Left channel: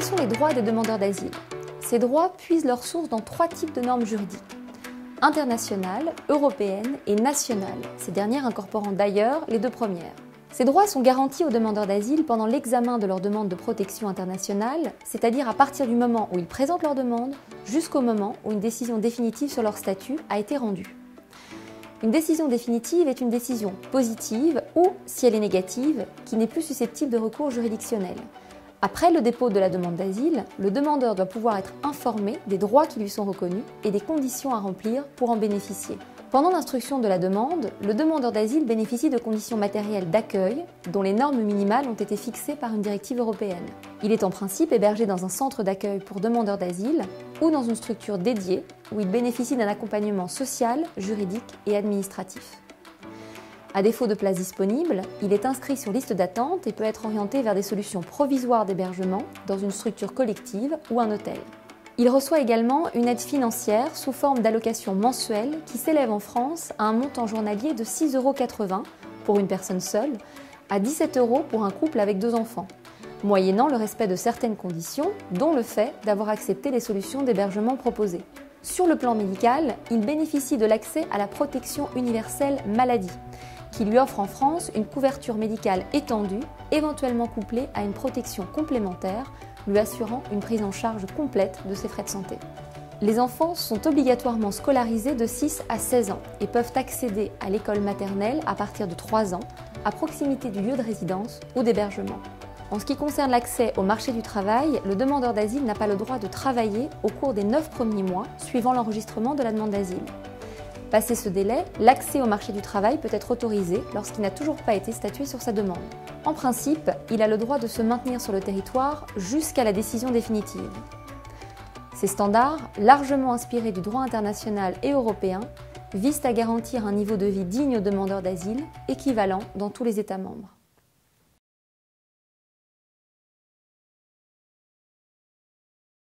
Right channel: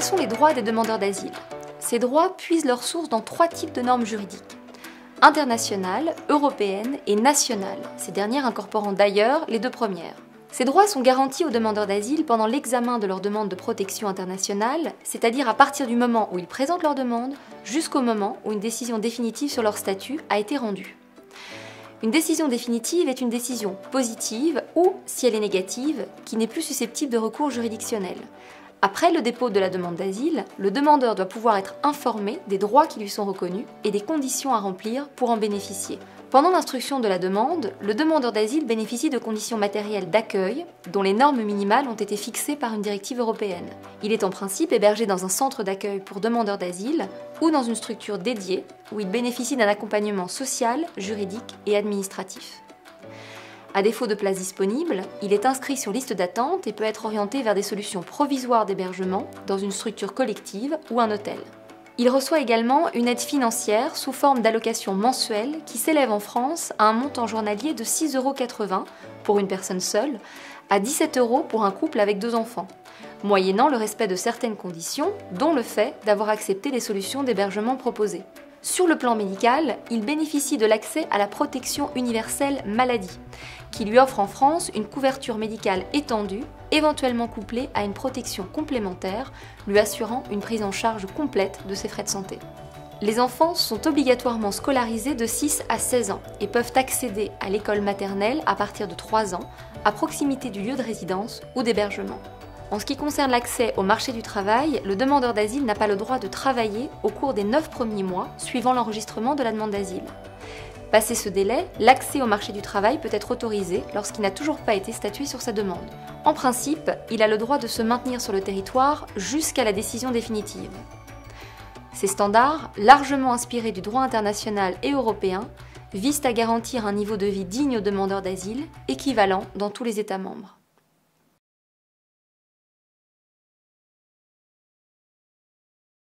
Quels sont les droits des demandeurs d'asile? Ces droits puisent leur source dans 3 types de normes juridiques: internationales, européennes et nationales, ces dernières incorporant d'ailleurs les 2 premières. Ces droits sont garantis aux demandeurs d'asile pendant l'examen de leur demande de protection internationale, c'est-à-dire à partir du moment où ils présentent leur demande jusqu'au moment où une décision définitive sur leur statut a été rendue. Une décision définitive est une décision positive ou, si elle est négative, qui n'est plus susceptible de recours juridictionnel. Après le dépôt de la demande d'asile, le demandeur doit pouvoir être informé des droits qui lui sont reconnus et des conditions à remplir pour en bénéficier. Pendant l'instruction de la demande, le demandeur d'asile bénéficie de conditions matérielles d'accueil dont les normes minimales ont été fixées par une directive européenne. Il est en principe hébergé dans un centre d'accueil pour demandeurs d'asile ou dans une structure dédiée où il bénéficie d'un accompagnement social, juridique et administratif. À défaut de place disponible, il est inscrit sur liste d'attente et peut être orienté vers des solutions provisoires d'hébergement dans une structure collective ou un hôtel. Il reçoit également une aide financière sous forme d'allocation mensuelle qui s'élève en France à un montant journalier de 6,80 € pour une personne seule, à 17 € pour un couple avec 2 enfants, moyennant le respect de certaines conditions, dont le fait d'avoir accepté les solutions d'hébergement proposées. Sur le plan médical, il bénéficie de l'accès à la protection universelle maladie, qui lui offre en France une couverture médicale étendue, éventuellement couplée à une protection complémentaire, lui assurant une prise en charge complète de ses frais de santé. Les enfants sont obligatoirement scolarisés de 6 à 16 ans et peuvent accéder à l'école maternelle à partir de 3 ans, à proximité du lieu de résidence ou d'hébergement. En ce qui concerne l'accès au marché du travail, le demandeur d'asile n'a pas le droit de travailler au cours des 9 premiers mois suivant l'enregistrement de la demande d'asile. Passé ce délai, l'accès au marché du travail peut être autorisé lorsqu'il n'a toujours pas été statué sur sa demande. En principe, il a le droit de se maintenir sur le territoire jusqu'à la décision définitive. Ces standards, largement inspirés du droit international et européen, visent à garantir un niveau de vie digne aux demandeurs d'asile, équivalent dans tous les États membres.